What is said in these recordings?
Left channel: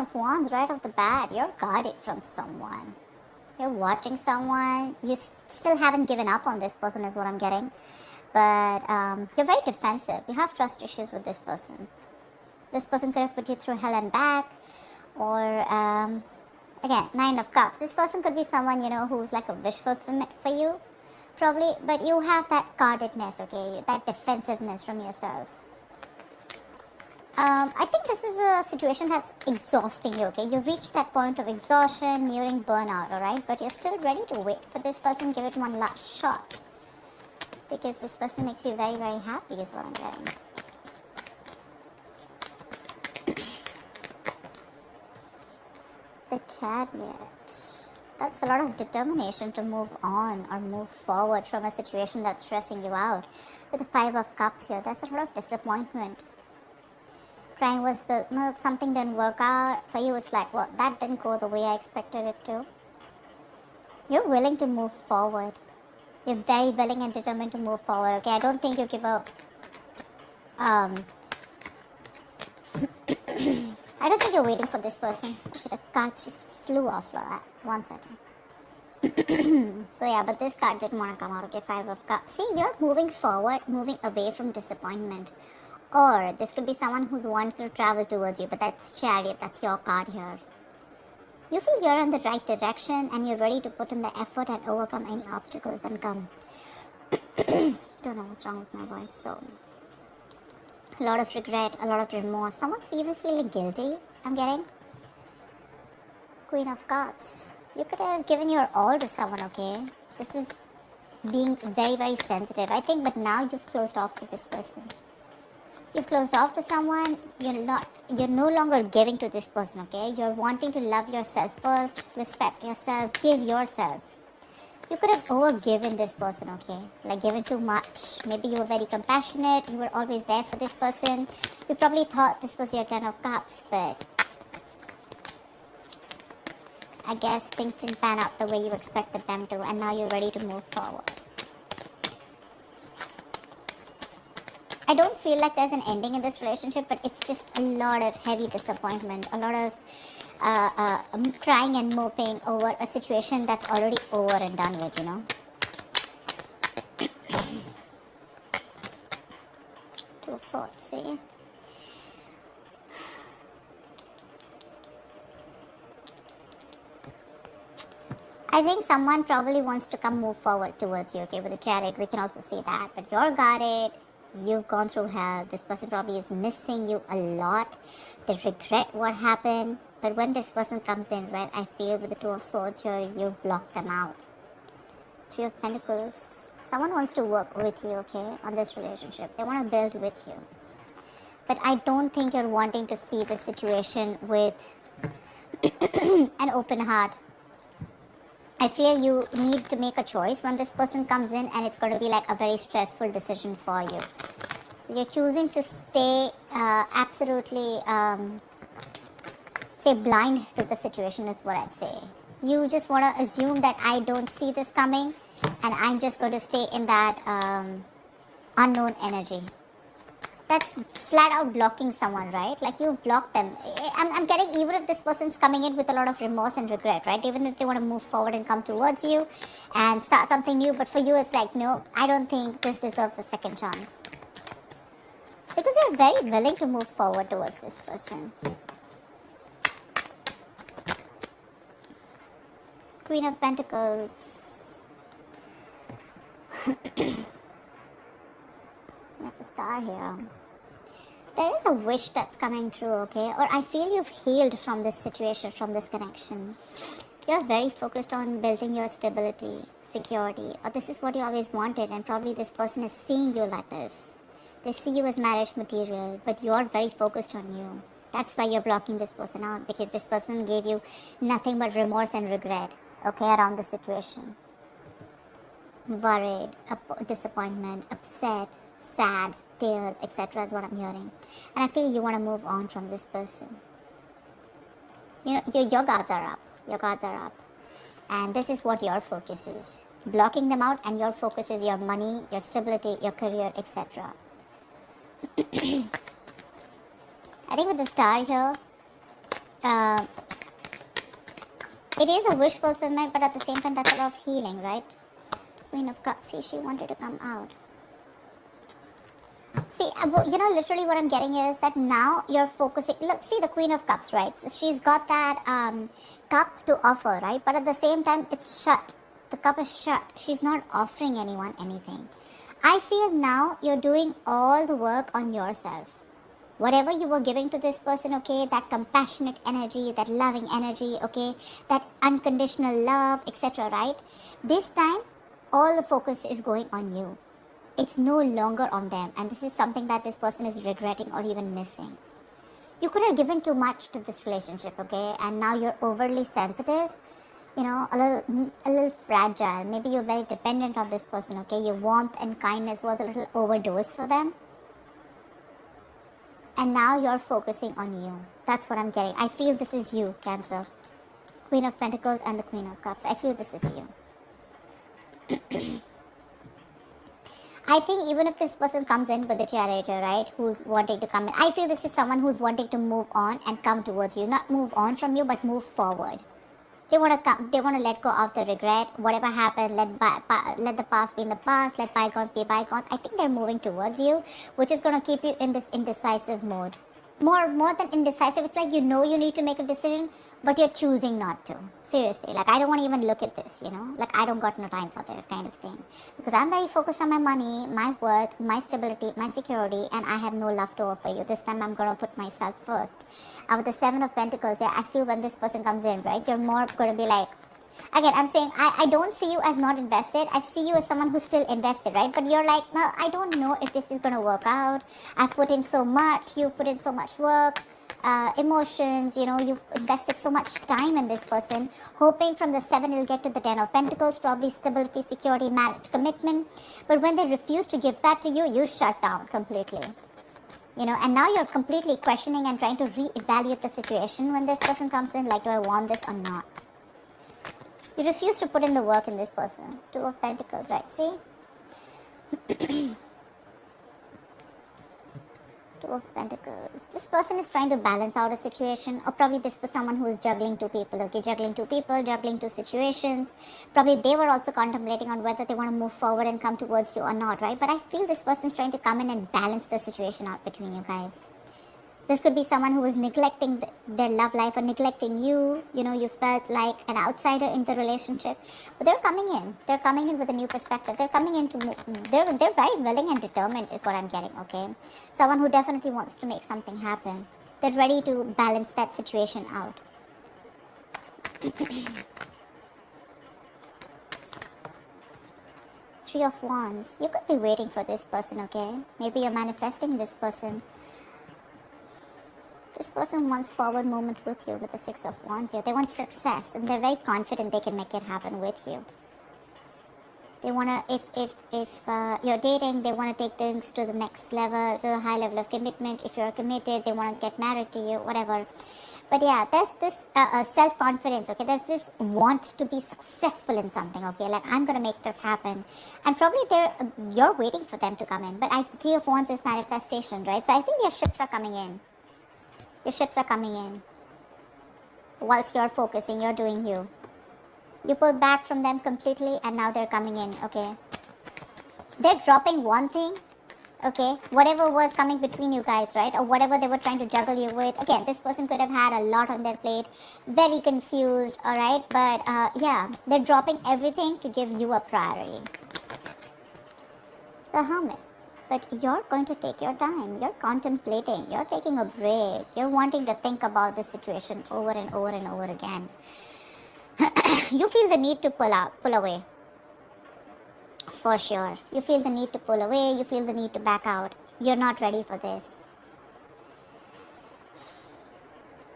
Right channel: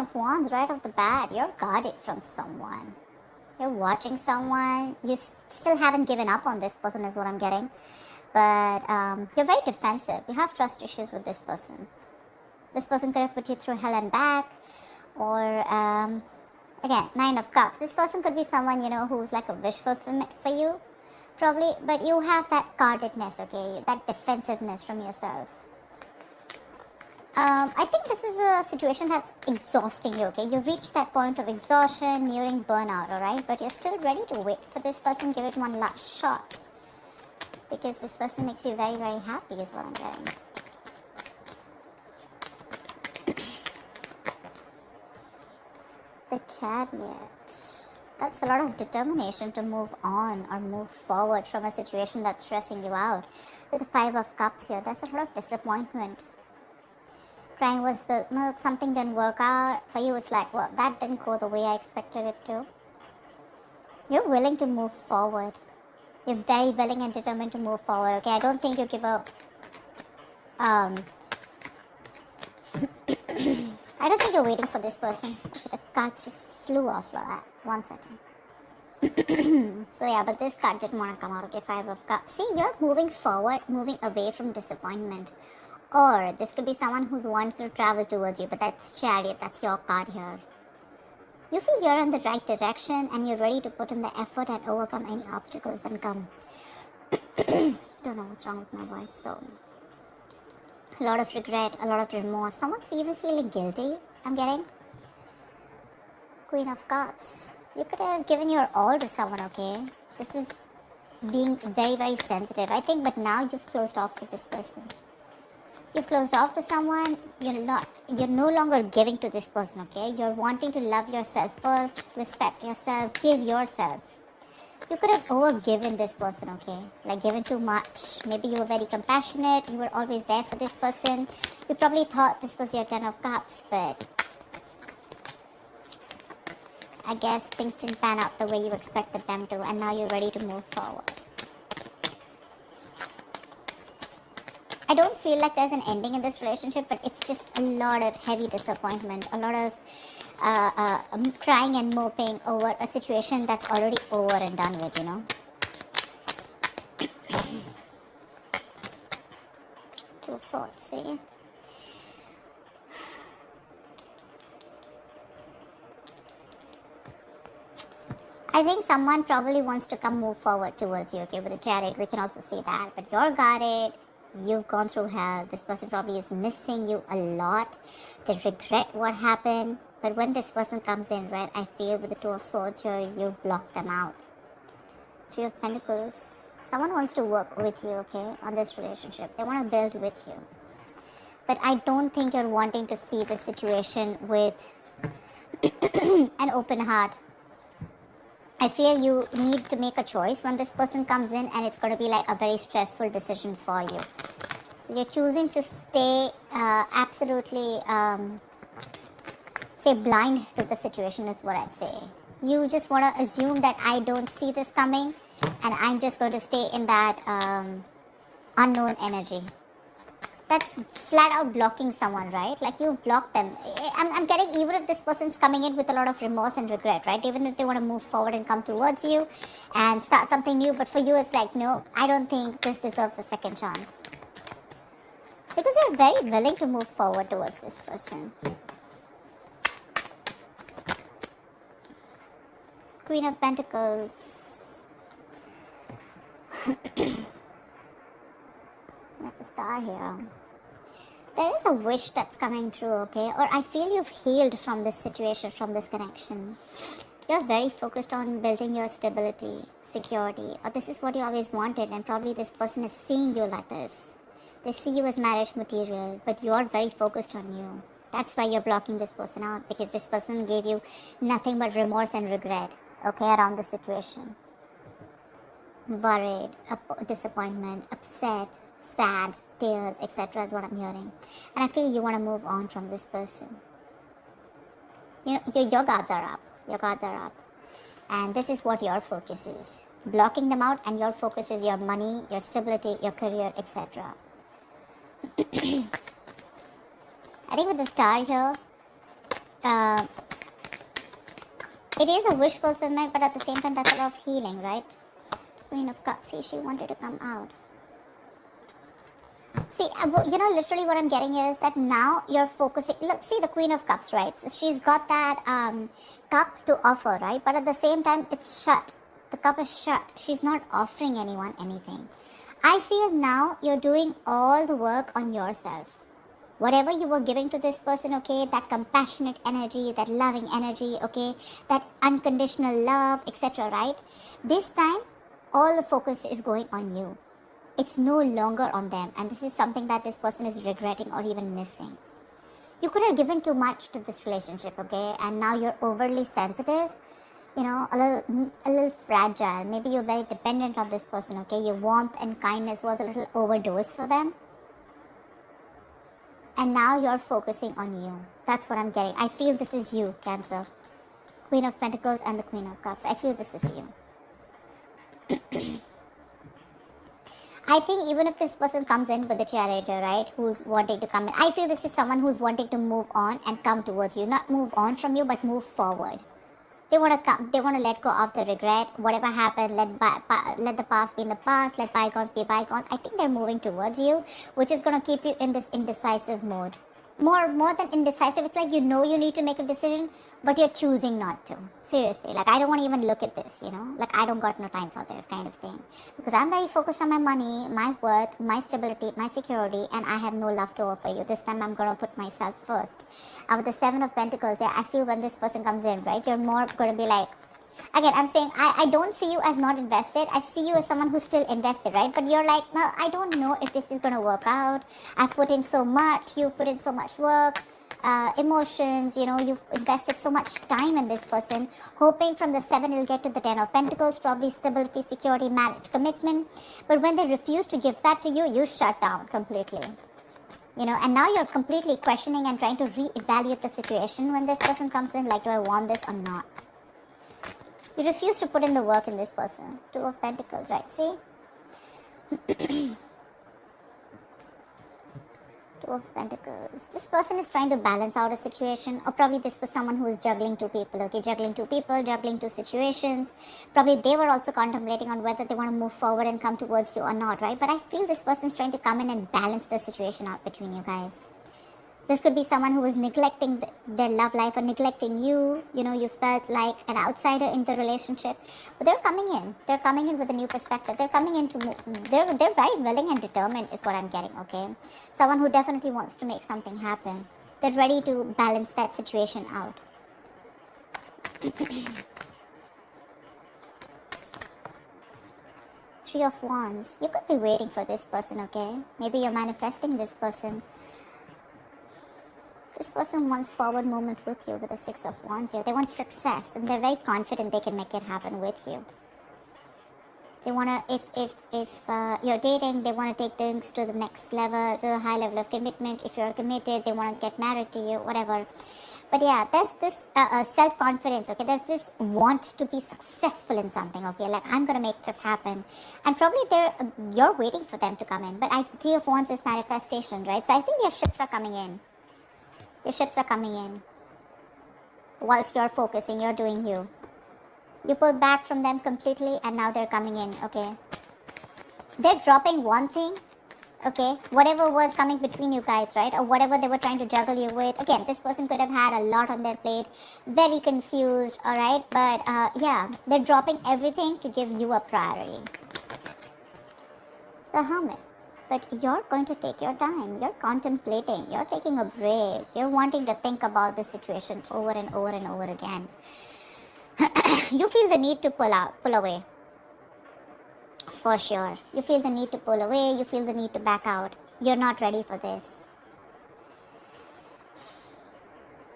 of Wands right off the bat. You're guarded from someone. You're watching someone. You still haven't given up on this person is what I'm getting. But you're very defensive. You have trust issues with this person. This person could have put you through hell and back. Or, again, 9 of Cups. This person could be someone, who's like a wish fulfillment for you. Probably. But you have that guardedness, okay? That defensiveness from yourself. I think this is a situation that's exhausting you, okay? You've reached that point of exhaustion, nearing burnout, alright? But you're still ready to wait for this person, give it one last shot. Because this person makes you very, very happy is what I'm hearing. The Chariot. That's a lot of determination to move on or move forward from a situation that's stressing you out. With the 5 of Cups here, there's a lot of disappointment. Crying was something didn't work out. For you, it's like, well, that didn't go the way I expected it to. You're willing to move forward. You're very willing and determined to move forward, okay? I don't think you give up. I don't think you're waiting for this person. The cards just flew off for that. 1 second. So yeah, but this card didn't want to come out, okay? 5 of Cups. See, you're moving forward, moving away from disappointment. Or this could be someone who's wanting to travel towards you, but that's Chariot, that's your card here. You feel you're in the right direction and you're ready to put in the effort and overcome any obstacles that come. Don't know what's wrong with my voice, so... A lot of regret, a lot of remorse. Someone's even feeling guilty, I'm getting. Queen of Cups. You could have given your all to someone, okay? This is being very, very sensitive, I think, but now you've closed off with this person. You closed off to someone, you're no longer giving to this person, okay? You're wanting to love yourself first, respect yourself, give yourself. You could have overgiven this person, okay? Like given too much. Maybe you were very compassionate, you were always there for this person. You probably thought this was your 10 of Cups, but I guess things didn't pan out the way you expected them to, and now you're ready to move forward. I don't feel like there's an ending in this relationship, but it's just a lot of heavy disappointment, a lot of crying and moping over a situation that's already over and done with, Two of Swords, see? I think someone probably wants to move forward towards you, okay, with the Chariot, we can also say that, but you're guarded. You've gone through hell. This person probably is missing you a lot. They regret what happened. But when this person comes in, right, I feel with the 2 of Swords here, you block them out. 3 of Pentacles. Someone wants to work with you, okay, on this relationship. They want to build with you. But I don't think you're wanting to see the situation with an open heart. I feel you need to make a choice when this person comes in, and it's going to be like a very stressful decision for you. So you're choosing to stay absolutely, say, blind to the situation is what I'd say. You just want to assume that I don't see this coming, and I'm just going to stay in that unknown energy. That's flat out blocking someone, right? Like you block them. I'm getting, even if this person's coming in with a lot of remorse and regret, right? Even if they want to move forward and come towards you and start something new, but for you it's like, no, I don't think this deserves a second chance. Because you're very willing to move forward towards this person. Queen of Pentacles. With the Star here. There is a wish that's coming true, okay? Or I feel you've healed from this situation, from this connection. You're very focused on building your stability, security. Or this is what you always wanted, and probably this person is seeing you like this. They see you as marriage material, but you're very focused on you. That's why you're blocking this person out, because this person gave you nothing but remorse and regret, okay, around the situation. Worried, disappointment, upset, sad, tears, etc. is what I'm hearing. And I feel you want to move on from this person. Your guards are up. Your guards are up. And this is what your focus is. Blocking them out, and your focus is your money, your stability, your career, etc. I think with the Star here, it is a wish fulfillment, but at the same time, that's a lot of healing, right? Queen of Cups, see, she wanted to come out. See, literally what I'm getting is that now you're focusing. Look, see the Queen of Cups, right? So she's got that cup to offer, right? But at the same time, it's shut. The cup is shut. She's not offering anyone anything. I feel now you're doing all the work on yourself. Whatever you were giving to this person, okay, that compassionate energy, that loving energy, okay, that unconditional love, etc., right? This time, all the focus is going on you. It's no longer on them, and this is something that this person is regretting or even missing. You could have given too much to this relationship, okay, and now you're overly sensitive, a little fragile. Maybe you're very dependent on this person, okay. Your warmth and kindness was a little overdosed for them, and now you're focusing on you. That's what I'm getting. I feel this is you, Cancer. Queen of Pentacles and the Queen of Cups. I feel this is you. I think even if this person comes in with the Chariot, right, who's wanting to come in, I feel this is someone who's wanting to move on and come towards you. Not move on from you, but move forward. They want to come. They want to let go of the regret. Whatever happened, let the past be in the past. Let bygones be bygones. I think they're moving towards you, which is going to keep you in this indecisive mode. More than indecisive, it's like you need to make a decision, but you're choosing not to. Seriously, like I don't want to even look at this, like I don't got no time for this kind of thing. Because I'm very focused on my money, my worth, my stability, my security, and I have no love to offer you. This time I'm going to put myself first. With the Seven of Pentacles, yeah, I feel when this person comes in, right, you're more going to be like, again, I'm saying I don't see you as not invested. I see you as someone who's still invested, right? But you're like, well, I don't know if this is going to work out. I've put in so much. You put in so much work, emotions. You've invested so much time in this person, hoping from the 7 you'll get to the 10 of Pentacles, probably stability, security, marriage, commitment. But when they refuse to give that to you, you shut down completely. And now you're completely questioning and trying to reevaluate the situation when this person comes in, like, do I want this or not? You refuse to put in the work in this person. 2 of Pentacles, right? See? 2 of Pentacles. This person is trying to balance out a situation, or probably this was someone who is juggling 2 people, okay? Juggling 2 people, juggling 2 situations. Probably they were also contemplating on whether they want to move forward and come towards you or not, right? But I think this person is trying to come in and balance the situation out between you guys. This could be someone who was neglecting their love life or neglecting you. You felt like an outsider in the relationship. But they're coming in. They're coming in with a new perspective. They're coming in to move. They're very willing and determined is what I'm getting, okay? Someone who definitely wants to make something happen. They're ready to balance that situation out. 3 of Wands. You could be waiting for this person, okay? Maybe you're manifesting this person. This person wants forward movement with you with the 6 of Wands here. They want success and they're very confident they can make it happen with you. They want to, if you're dating, they want to take things to the next level, to a high level of commitment. If you're committed, they want to get married to you, whatever. But yeah, there's this self-confidence, okay? There's this want to be successful in something, okay? Like, I'm going to make this happen. And probably you're waiting for them to come in. But 3 of Wands is manifestation, right? So I think your ships are coming in. Your ships are coming in. Whilst you're focusing, you're doing you. You pull back from them completely and now they're coming in, okay? They're dropping one thing, okay? Whatever was coming between you guys, right? Or whatever they were trying to juggle you with. Again, this person could have had a lot on their plate. Very confused, alright? But yeah, they're dropping everything to give you a priority. The Hermit. But you're going to take your time. You're contemplating. You're taking a break. You're wanting to think about the situation over and over and over again. You feel the need to pull away. For sure. You feel the need to pull away. You feel the need to back out. You're not ready for this.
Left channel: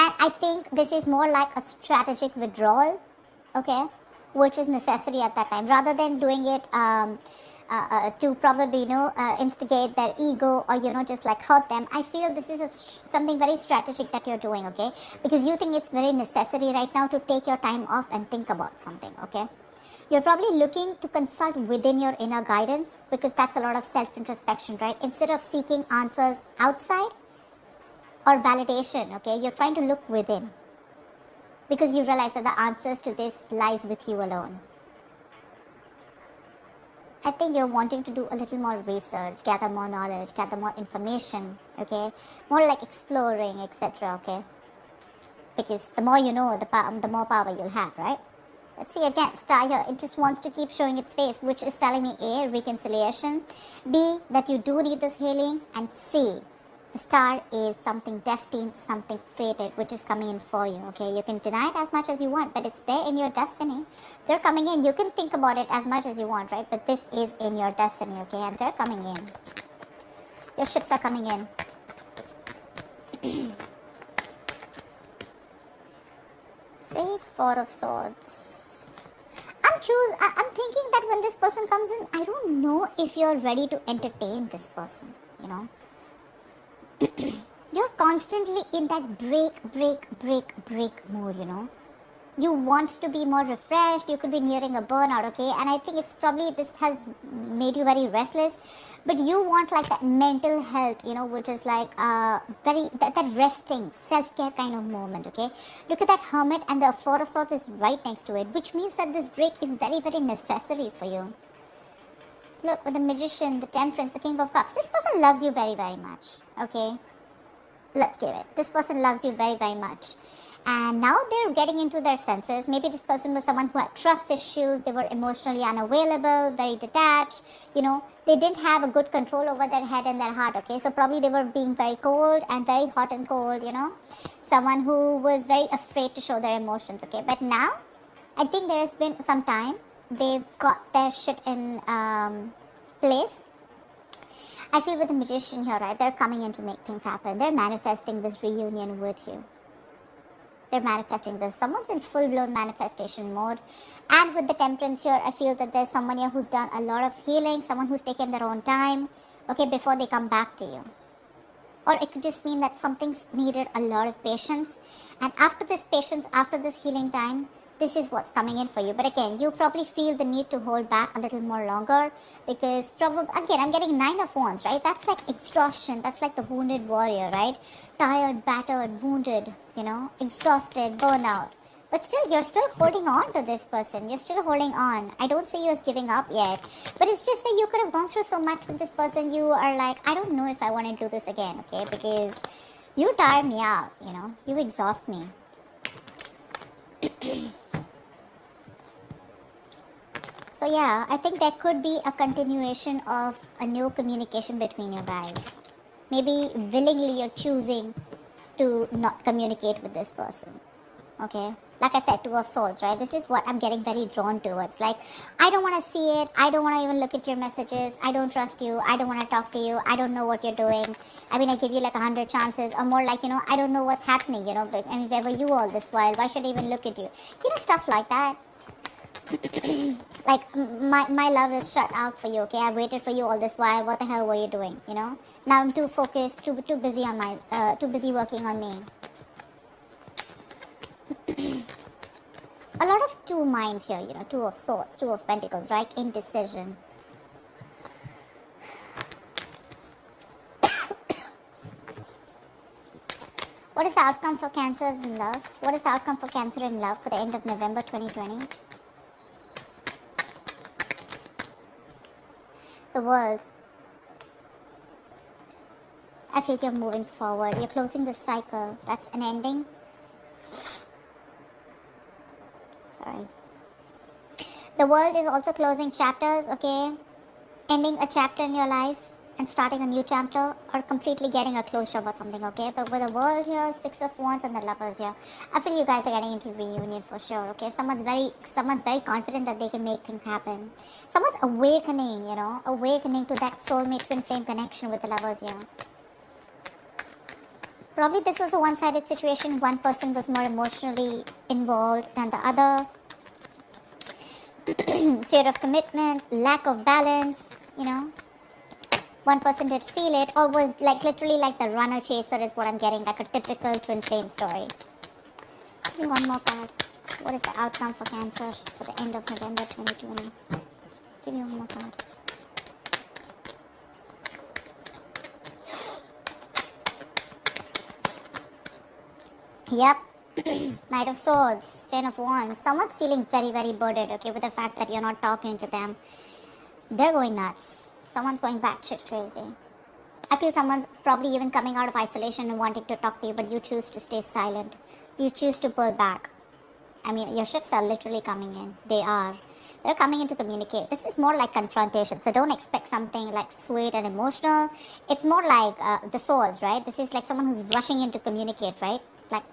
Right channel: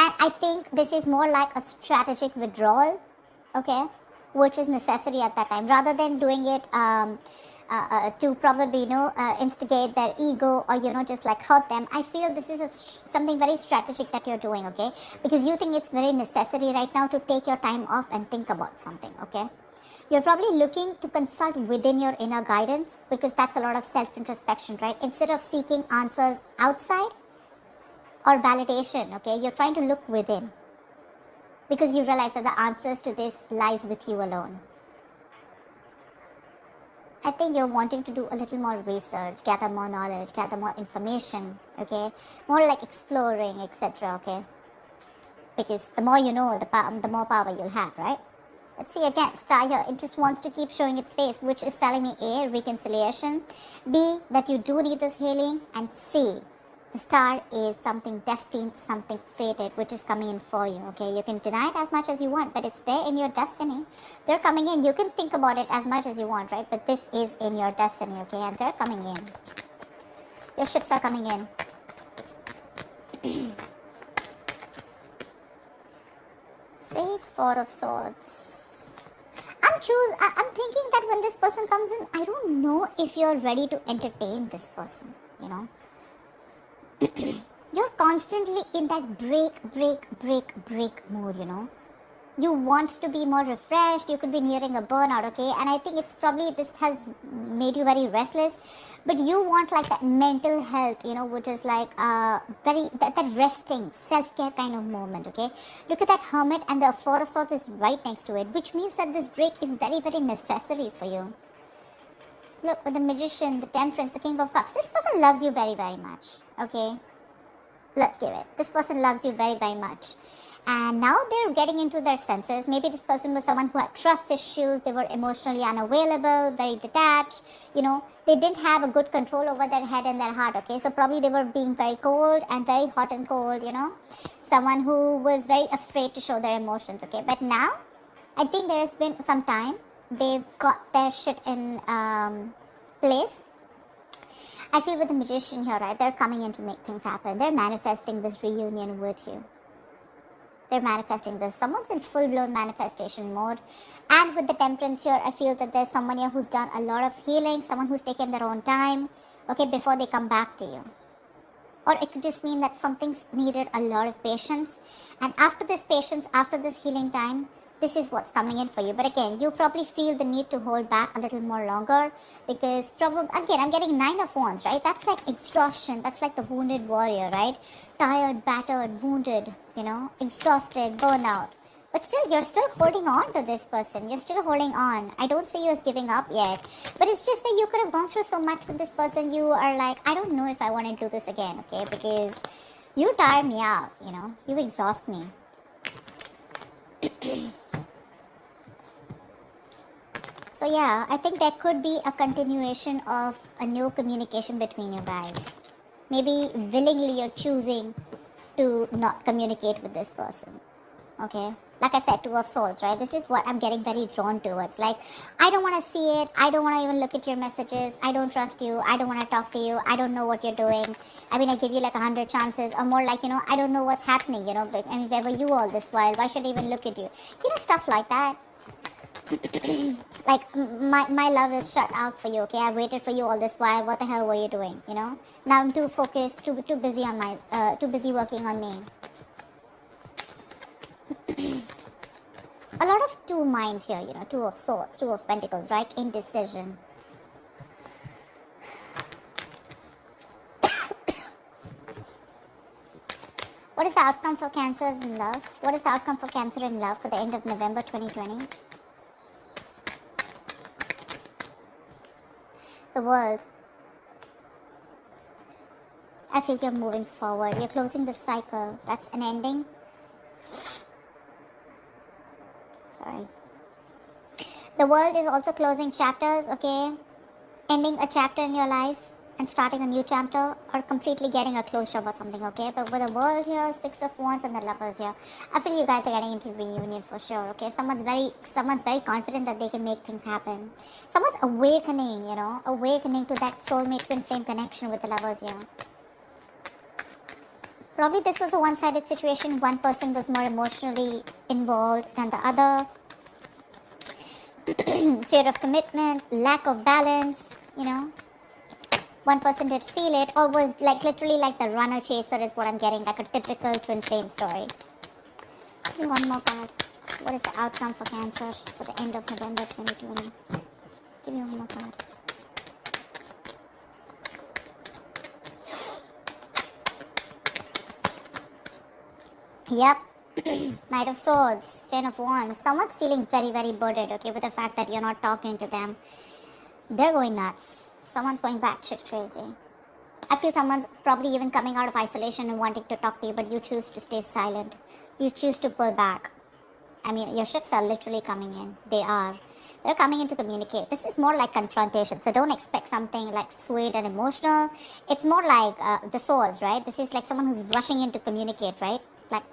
And I think this is more like a strategic withdrawal, okay? Which is necessary at that time. Rather than doing it to probably, instigate their ego or, just like hurt them. I feel this is something very strategic that you're doing, okay? Because you think it's very necessary right now to take your time off and think about something, okay? You're probably looking to consult within your inner guidance because that's a lot of self-introspection, right? Instead of seeking answers outside or validation, okay? You're trying to look within. because you realize that the answers to this lies with you alone. I think you're wanting to do a little more research, gather more knowledge, gather more information, okay? More like exploring, etc., okay? Because the more you know, the more power you'll have, right? Let's see again, star here, it just wants to keep showing its face, which is telling me A, reconciliation, B, that you do need this healing, and C, the star is something destined, something fated, which is coming in for you, okay? You can deny it as much as you want, but it's there in your destiny. They're coming in. You can think about it as much as you want, right? But this is in your destiny, okay? And they're coming in. Your ships are coming in. Say Four of Swords. I'm thinking that when this person comes in, I don't know if you're ready to entertain this person, you know? You're constantly in that break mood, you know? You want to be more refreshed, you could be nearing a burnout, okay? And I think it's probably, this has made you very restless, but you want like that mental health, you know, which is like that resting, self-care kind of moment, okay? Look at that Hermit, and the Four of Swords is right next to it, which means that this break is very, very necessary for you. Look, with the Magician, the Temperance, the King of Cups, this person loves you very, very much, okay? Let's give it. This person loves you very, very much. And now they're getting into their senses. Maybe this person was someone who had trust issues. They were emotionally unavailable, very detached. You know, they didn't have a good control over their head and their heart, okay? So probably they were being very cold and very hot and cold, you know? Someone who was very afraid to show their emotions, okay? But now, I think there's been some time. They've got their shit in place. I feel with the Magician here, right? They're coming in to make things happen. They're manifesting this reunion with you. They're manifesting this. Someone's in full-blown manifestation mode. And with the Temperance here, I feel that there's someone here who's done a lot of healing, someone who's taken their own time, okay, before they come back to you. Or it could just mean that something's needed a lot of patience. And after this patience, after this healing time, this is what's coming in for you. But again, you probably feel the need to hold back a little more longer because probably, again, I'm getting 9 of Wands, right? That's like exhaustion. That's like the wounded warrior, right? Tired, battered, wounded, you know, exhausted, burnout. But still, you're still holding on to this person. You're still holding on. I don't say you're giving up yet. But it's just that you could have gone through so much with this person. You are like, I don't know if I want to do this again, okay? Because you tire me out, you know? You exhaust me. So yeah, I think there could be a continuation of a new communication between you guys. Maybe willingly you're choosing to not communicate with this person. Okay? Like I said, Two of Swords, right? This is what I'm getting very drawn to. It's like, I don't want to see it. I don't want to even look at your messages. I don't trust you. I don't want to talk to you. I don't know what you're doing. I mean, I'll give you like 100 chances. Or more like, you know, I don't know what's happening, you know. But, and there were you all this while. Why should I even look at you? You know, stuff like that. Like, my love is shut out for you, okay? I waited for you all this while. What the hell were you doing, you know? Now I'm too focused, too busy on my, too busy working on me. A lot of two minds here, you know, Two of Swords, Two of Pentacles, right? Indecision. What is the outcome for Cancer in love? What is the outcome for Cancer in love for the end of November 2020? The World. I think you're moving forward. You're closing the cycle. That's an ending. Sorry. The World is also closing chapters, okay? Ending a chapter in your life and starting a new chapter, or completely getting a closure about something, okay? But with the World here, Six of Wands and the Lovers here, I feel you guys are getting into reunion for sure, okay? Someone's very confident that they can make things happen. Someone's awakening, you know, awakening to that soulmate twin flame connection with the Lovers here. Probably this was a one-sided situation. One person was more emotionally involved than the other. Fear of commitment, lack of balance, you know. One person did feel it, or was like literally like the runner chaser is what I'm getting, like a typical twin flame story. Okay, one more card. What is the outcome for Cancer at the end of November 2020? Give me one more card. Yep. Knight of Swords, Ten of Wands. Someone's feeling very, very burdened, okay, with the fact that you're not talking to them. They're going nuts. Someone's going batshit crazy. I feel someone's probably even coming out of isolation and wanting to talk to you, but you choose to stay silent. You choose to pull back. I mean, your ships are literally coming in. They are. They're coming in to communicate. This is more like confrontation, so don't expect something like sweet and emotional. It's more like the swords, right? This is like someone who's rushing in to communicate, right? Like,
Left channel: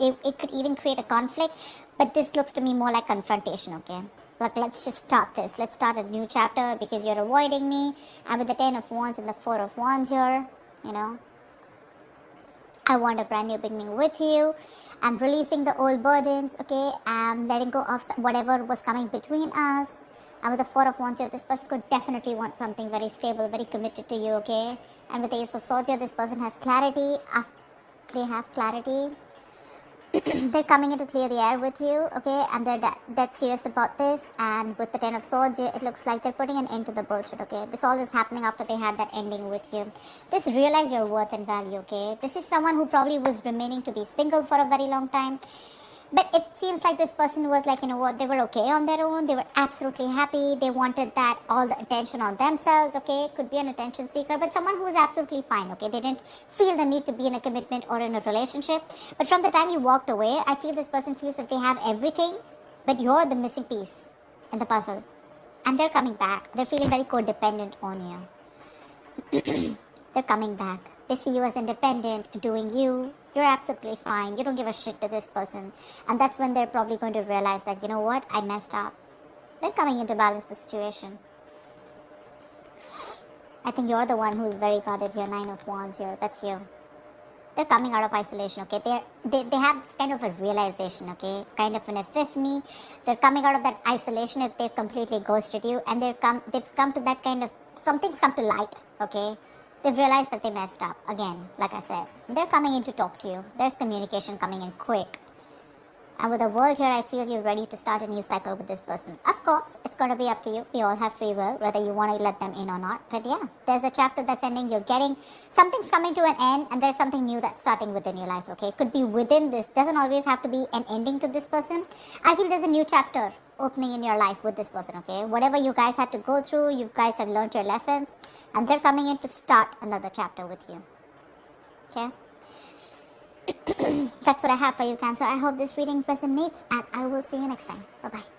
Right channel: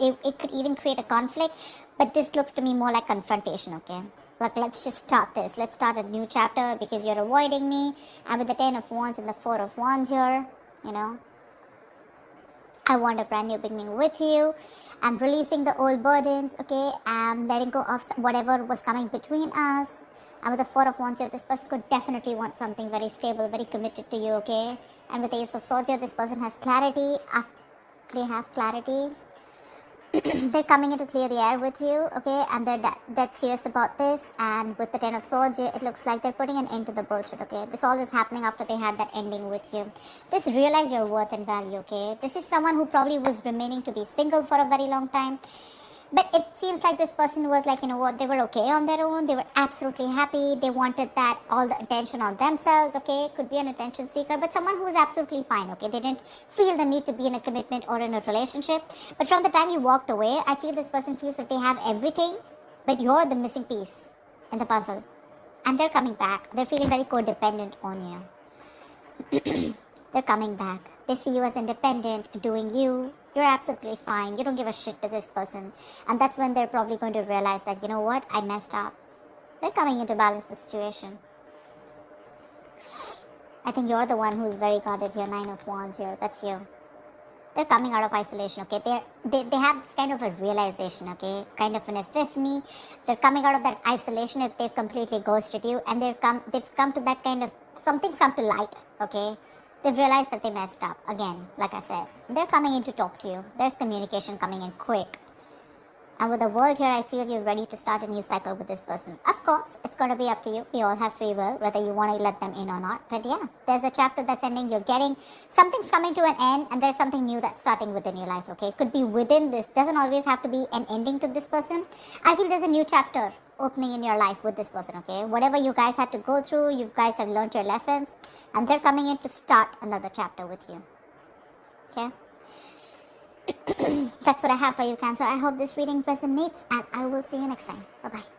it could even create a conflict, but this looks to me more like confrontation, okay? Like, let's just start this. Let's start a new chapter because you're avoiding me. And with the 10 of Wands and the 4 of Wands here, you know, I want a brand new beginning with you. I'm releasing the old burdens, okay? I'm letting go of whatever was coming between us. And with the 4 of Wands here, this person could definitely want something very stable, very committed to you, okay? And with the Ace of Swords here, this person has clarity. They have clarity. They're coming in to clear the air with you, okay? And they're dead serious about this. And with the 10 of Swords here, it looks like they're putting an end to the bullshit, okay? This all is happening after they had that ending with you. Just realize your worth and value, okay? This is someone who probably was remaining to be single for a very long time. But it seems like this person was like, you know what, they were okay on their own. They were absolutely happy. They wanted that, all the attention on themselves, okay? Could be an attention seeker, but someone who is absolutely fine, okay? They didn't feel the need to be in a commitment or in a relationship. But from the time you walked away, I feel this person feels that they have everything, but you're the missing piece in the puzzle. And they're coming back. They're feeling very codependent on you. They're coming back. They see you as independent, doing you. You're absolutely fine. You don't give a shit to this person. And that's when they're probably going to realize that, you know what, I messed up. They're coming in to balance the situation. I think you're the one who's very guarded here. 9 of Wands here. That's you. They're coming out of isolation, okay? They have this kind of a realization, okay? Kind of an epiphany. They're coming out of that isolation if they've completely ghosted you. And they've come to that kind of, something's come to light, okay? They've realized that they messed up. Again, like I said, they're coming in to talk to you. There's communication coming in quick. And with the world here, I feel you're ready to start a new cycle with this person. Of course, it's going to be up to you. We all have free will, whether you want to let them in or not. But yeah, there's a chapter that's ending. You're getting, something's coming to an end, and there's something new that's starting within your life, okay? It could be within this. Doesn't always have to be an ending to this person. I think there's a new chapter opening in your life with this person, okay? Whatever you guys had to go through, you guys have learned your lessons, and they're coming in to start another chapter with you, okay? That's what I have for you, Cancer. I hope this reading resonates, and I will see you next time. Bye-bye.